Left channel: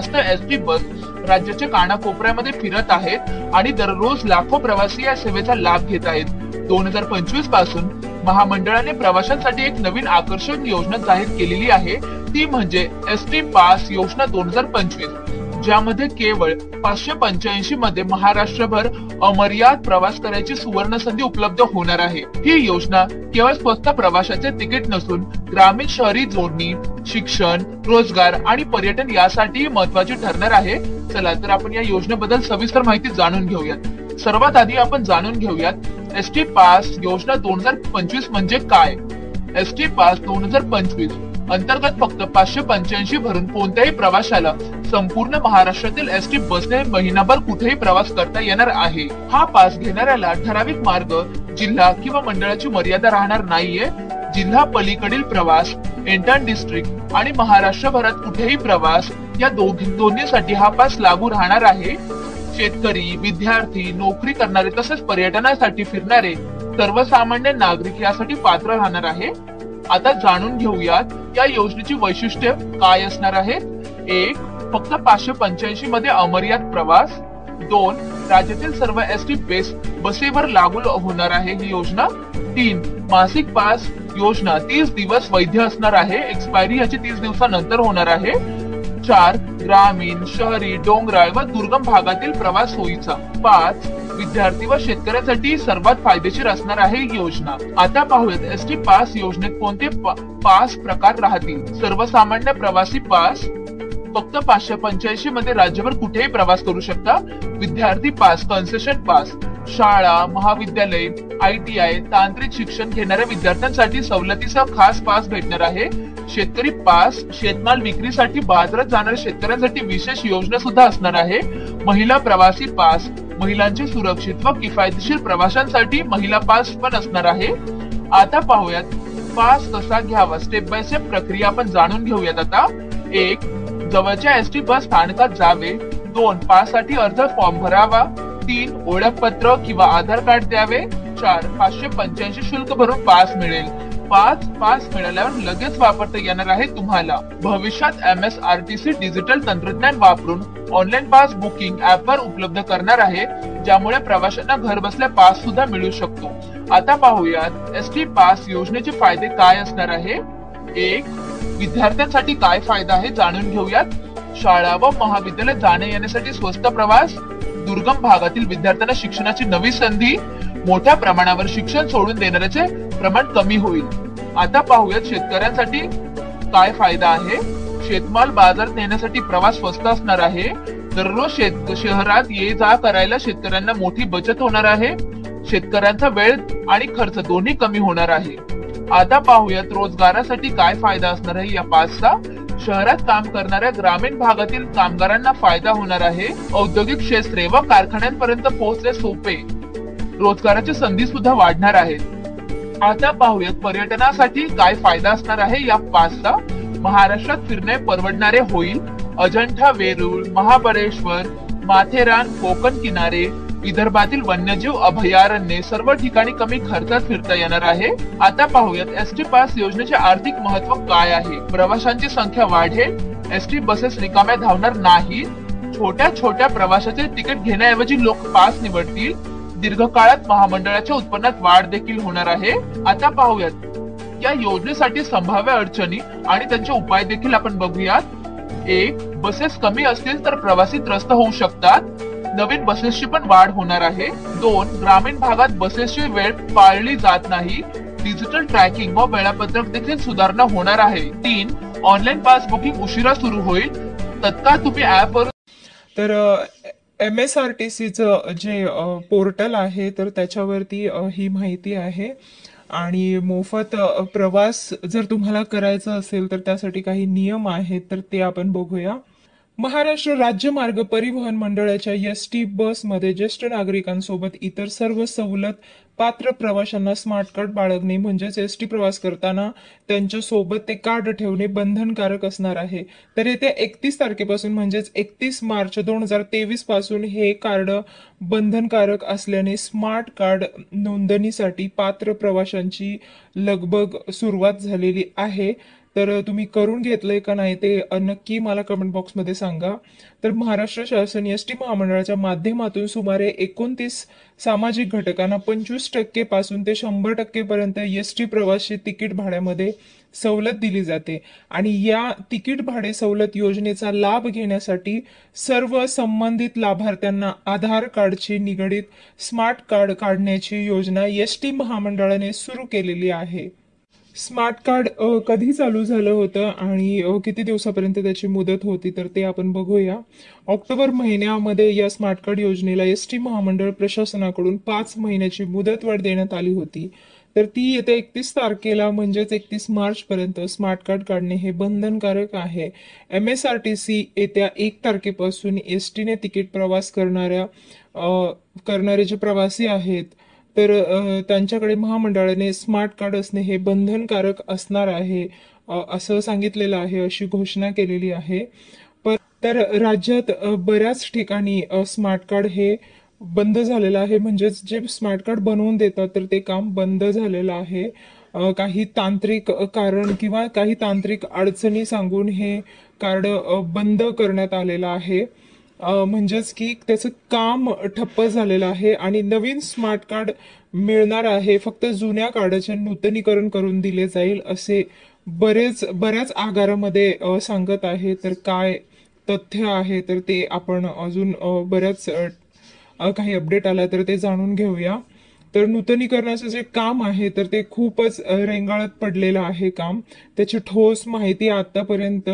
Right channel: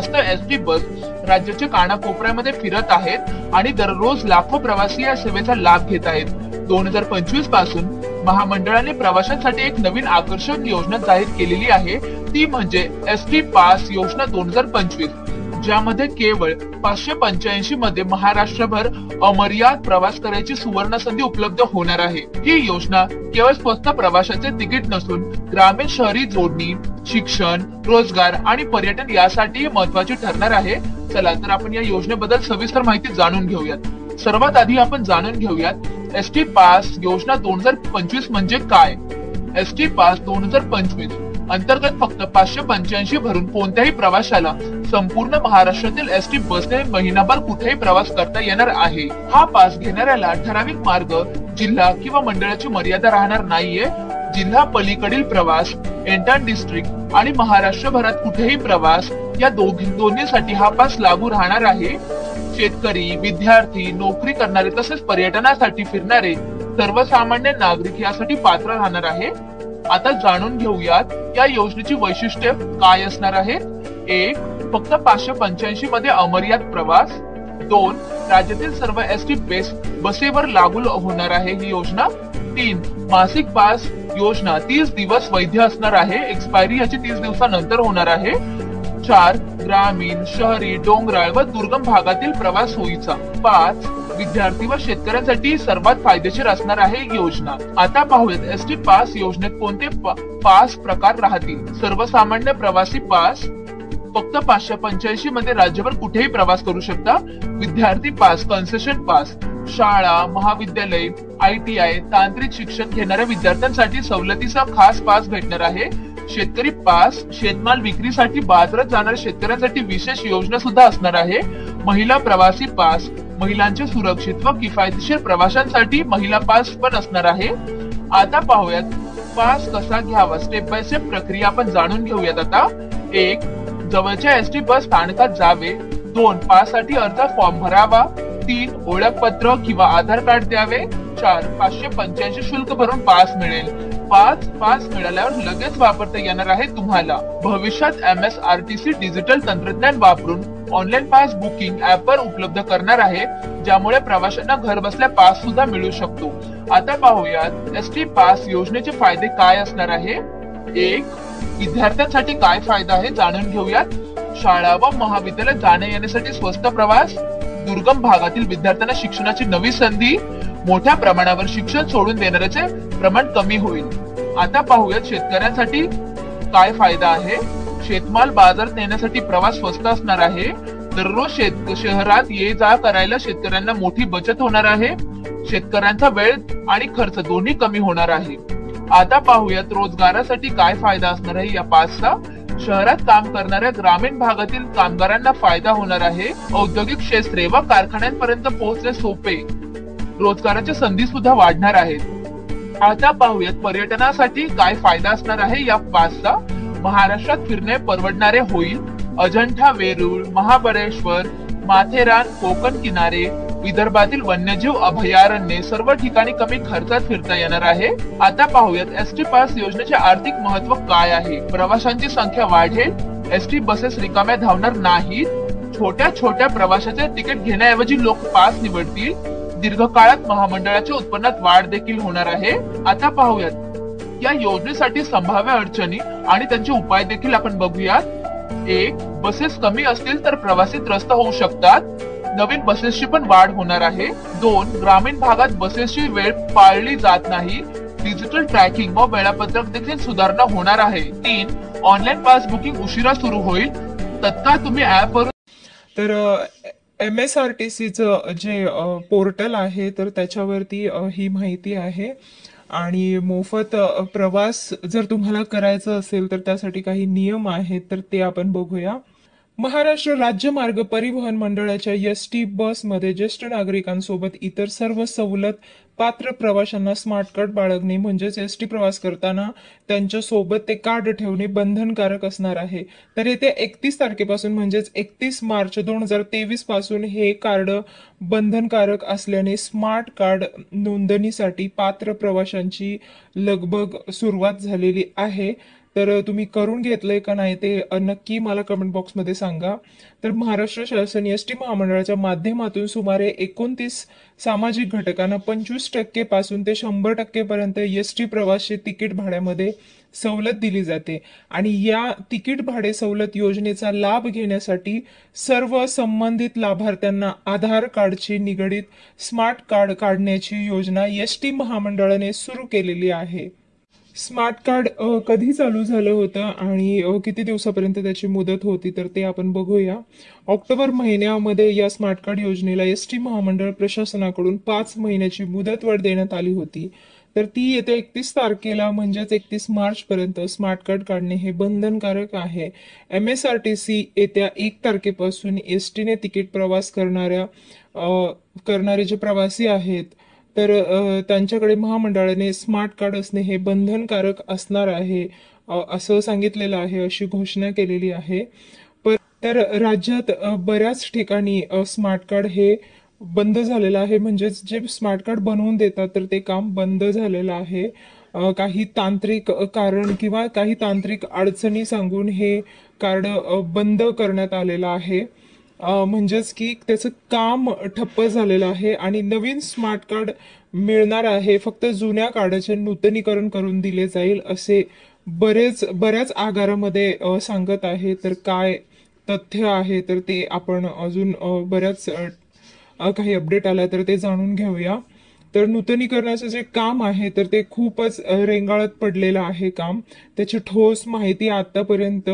ST bus राज्याच्या कानाकोपऱ्यामध्ये फिरत आहेत आणि दररोज लाखो प्रवासी या सेवेचा लाभ घेत आहेत। 2025 पासून महामंडळाने प्रवाशांसाठी एक नवीन आकर्षक योजना जाहीर केलेली आहे, ती म्हणजे एसटी पास योजना 2025, ज्यामध्ये केवळ 585 मध्ये महाराष्ट्रभर अमर्याद प्रवास करण्याची सुवर्ण संधी उपलब्ध होणार आहे। ही योजना केवळ स्वस्त प्रवासाचे तिकीट नसून ग्रामीण शहरी जोडणी, शिक्षण, रोजगार आणि पर्यटन यासाठी महत्वाची ठरणार आहे। चला तर आपण या योजनेबद्दल सविस्तर माहिती जाणून घेऊयात। सर्वात आधी आपण जाणून घेऊयात एसटी पास योजना 2025 म्हणजे काय। एसटी पास 2025 अंतर्गत फक्त 585 भरून कोणत्याही प्रवाशाला संपूर्ण महाराष्ट्रातील एसटी बसने महिनाभर कुठेही प्रवास करता येणार आहे। हा पास घेणाऱ्याला ठराविक मार्ग, जिल्हा किंवा मंडळाची मर्यादा राहणार नाहीये। जिल्हा पलीकडील प्रवास, इंटर डिस्ट्रिक्ट आणि महाराष्ट्रभरात कुठेही प्रवास या दोन्हीसाठी हा पास लागू राहणार आहे। शेतकरी, विद्यार्थी, नोकरी करणारे तसेच पर्यटनासाठी फिरणारे सर्वसामान्य नागरिक यासाठी पात्र राहणार आहे। आता जाणून घेऊयात या योजनेची वैशिष्ट्ये काय असणार आहे। 1. फक्त 585 मध्ये अमर्याद प्रवास। 2. राज्यातील सर्व एसटी बसेवर लागू होणार आहे ही योजना। 3. मासिक पास योजना 30 दिवस वैध असणार आहे, एक्सपायरी याची 30 दिवसानंतर होणार आहे। 4. ग्रामीण, शहरी, डोंगराळ व दुर्गम भागातील प्रवास सोयीचा। 5. विद्यार्थी व शेतकऱ्यांसाठी सर्वात फायदेशीर असणार आहे ही योजना। आता पाहूयात एसटी पास योजनेत कोणते पास प्रकार राहतील। सर्वसामान्य प्रवासी पास फक्त 585 मध्ये राज्यभर कुठेही प्रवास करू शकता। विद्यार्थी पास, कन्सेशन पास शाळा, महाविद्यालय, ITI, तांत्रिक शिक्षण घेणाऱ्या विद्यार्थ्यांसाठी सवलतीचा खास पास भेटणार आहे। शेतकरी पास, शेतमाल विक्रीसाठी बाजारात जाणाऱ्या शेतकऱ्यांसाठी विशेष योजना सुद्धा असणार आहे। महिला प्रवासी पास, महिलांच्या सुरक्षित व किफायतशीर प्रवासांसाठी महिला पास पण असणार आहे। आता पाहूयात पास कसा घ्यावा, स्टेप बाय स्टेप प्रक्रिया आपण जाणून घेऊयात आता। 1. जवळच्या एसटी बस स्थानकात जावे। 2. पास साठी अर्ज फॉर्म भरावा। 3. ओळखपत्र किंवा आधार कार्ड द्यावे। 4. 585 शुल्क भरून पास मिळेल। 5. पास मिळाल्यावर लगेच वापरता येणार आहे तुम्हाला। भविष्यात MSRTC डिजिटल तंत्रज्ञान वापरून ऑनलाईन पास बुकिंग ऍपवर उपलब्ध करणार आहे, ज्यामुळे प्रवाशांना घर बसल्या पास सुद्धा मिळू शकतो। आता पाहूयात एसटी पास योजनेचे फायदे काय असणार आहे। 1. विद्यार्थ्यांसाठी काय फायदा आहे जाणून घेऊयात। शाळा व महाविद्यालयात जाणे येण्यासाठी स्वस्त प्रवास, दुर्गम भागातील विद्यार्थ्यांना शिक्षणाची नवी संधी, मोठ्या प्रमाणावर शिक्षण सोडून देणाऱ्याचे प्रमाण कमी होईल। आता पाहूयात शेतकऱ्यांसाठी काय फायदा आहे। शेतमाल बाजारात नेण्यासाठी प्रवास स्वस्त असणार आहे। दररोज शहरात ये जा करायला शेतकऱ्यांना मोठी बचत होणार आहे। शेतकऱ्यांचा वेळ आणि खर्च दोन्ही कमी होणार आहे। आता पाहूयात रोजगारासाठी काय फायदा असणार आहे या पासचा। शहरात काम करणाऱ्या ग्रामीण भागातील कामगारांना फायदा होणार आहे। औद्योगिक क्षेत्रे व कारखान्यांपर्यंत पोहोचणे सोपे, रोजगाराच्या संधी सुद्धा वाढणार आहेत। आता पाहूयात पर्यटनासाठी काय फायदा असणार आहे या पासचा। महाराष्ट्रात फिरणे परवडणारे होईल। अजंठा, वेरूळ, महाबळेश्वर, माथेरान, कोकण किनारे, विदर्भातील वन्यजीव अभयारण्ये सर्व ठिकाणी कमी खर्चात फिरता येणार आहे। आता पाहूयात एसटी पास योजनेचे आर्थिक महत्व काय आहे। प्रवाशांची संख्या वाढेल, एसटी बसेस रिकाम्या धावणार नाहीत। छोट्या छोट्या प्रवासाचे तिकीट घेण्याऐवजी लोक पास निवडतील। दीर्घकाळात महामंडळाच्या उत्पन्नात वाढ देखील होणार आहे। आता पाहूयात या योजनेसाठी संभाव्य अडचणी आणि त्यांचे उपाय देखील आपण बघूयात। 1. बसेस कमी असतील तर प्रवासी त्रस्त होऊ शकतात, नवीन बसेसची पण वाढ होणार आहे। 2. ग्रामीण भागात बसेसची वेळ पाळली जात नाही, डिजिटल ट्रॅकिंग व वेळापत्रक देखील सुधारणा होणार आहे। 3. ऑनलाईन पास बुकिंग उशिरा सुरू होईल, तत्काळ तुम्ही ऍपवरून। तर MSRTCचं जे पोर्टल आहे तर त्याच्यावरती ही माहिती आहे आणि मोफत प्रवास जर तुम्हाला करायचा असेल तर त्यासाठी काही नियम आहेत तर ते आपण बघूया। महाराष्ट्र राज्य मार्ग परिवहन मंडळाच्या एसटी बसमध्ये ज्येष्ठ नागरिकांसोबत इतर सर्व सवलत पात्र प्रवाशांना स्मार्ट कार्ड बाळगणे म्हणजेच एसटी प्रवास करताना त्यांच्या सोबत ते कार्ड ठेवणे बंधनकारक असणार आहे। तर येत्या 31 तारखेपासून म्हणजेच 31 मार्च 2023 पासून हे कार्ड बंधनकारक असल्याने स्मार्ट कार्ड नोंदणीसाठी पात्र प्रवाशांची लगबग सुरुवात झालेली आहे। तर तुम्ही करून घेतलंय का नाही ते नक्की मला कमेंट बॉक्समध्ये सांगा. तर महाराष्ट्र शासन एसटी महामंडळाच्या माध्यमातून सुमारे 29 सामाजिक घटकांना 25% पासून ते 100% पर्यंत एसटी प्रवासी तिकीट भाड्यामध्ये सवलत दिली जाते. आणि या तिकीट भाडे सवलत योजनेचा लाभ घेण्यासाठी सर्व संबंधित लाभार्थ्यांना आधार कार्डशी निगडीत स्मार्ट कार्ड काढण्याची योजना एसटी महामंडळाने सुरू केलेली आहे. स्मार्ट कार्ड कधी चालू झालं होतं आणि किती दिवसापर्यंत त्याची मुदत होती तर ते आपण बघूया. ऑक्टोबर महिन्यामध्ये या स्मार्ट कार्ड योजनेला एसटी महामंडळ प्रशासनाकडून 5 महिन्याची मुदतवाढ देण्यात आली होती. तर ती येत्या 31 तारखेला म्हणजेच 31 मार्च पर्यंत स्मार्ट कार्ड काढणे हे बंधनकारक आहे. MSRTC येत्या 1 तारखेपासून एसटीने तिकीट प्रवास करणारे जे प्रवासी आहेत तर त्यांच्याकडे महामंडळाने स्मार्ट कार्ड असणे हे बंधनकारक असणार आहे असं सांगितलेलं आहे, अशी घोषणा केलेली आहे. तर राज्यात बऱ्याच ठिकाणी स्मार्ट कार्ड हे बंद झालेलं आहे, म्हणजेच जे स्मार्ट कार्ड बनवून देतात तर ते काम बंद झालेलं आहे. काही तांत्रिक कारण किंवा काही तांत्रिक अडचणी सांगून हे कार्ड बंद करण्यात आलेलं आहे. म्हणजेच की त्याचं काम ठप्प झालेलं आहे आणि नवीन स्मार्ट कार्ड मिळणार आहे. फक्त जुन्या कार्डाचे नूतनीकरण करून दिले जाईल असे बऱ्याच आगारामध्ये सांगत आहे. तर काय तथ्य आहे तर ते आपण अजून बऱ्याच काही अपडेट आला तर ते जाणून घेऊया. तर नूतनीकरणाचं जे काम आहे तर ते खूपच रेंगाळत पडलेलं आहे काम. त्याची ठोस माहिती आतापर्यंत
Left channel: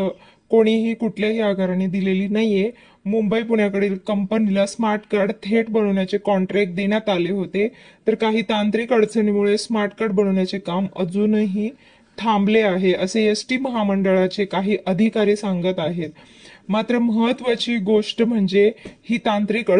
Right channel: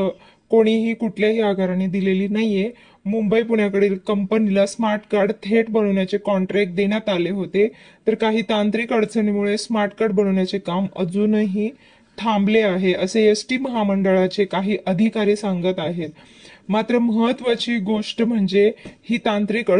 कोणीही कुठल्याही आगाराने दिलेली नाहीये. मुंबई पुण्याकडील कंपनीला स्मार्ट कार्ड थेट बनवण्याचे कॉन्ट्रॅक्ट देण्यात आले होते. तर काही तांत्रिक अडचणीमुळे स्मार्ट कार्ड बनवण्याचे काम अजूनही थांबले आहे असे एसटी महामंडळाचे काही अधिकारी सांगत आहेत. मात्र महत्वाची गोष्ट म्हणजे ही तांत्रिक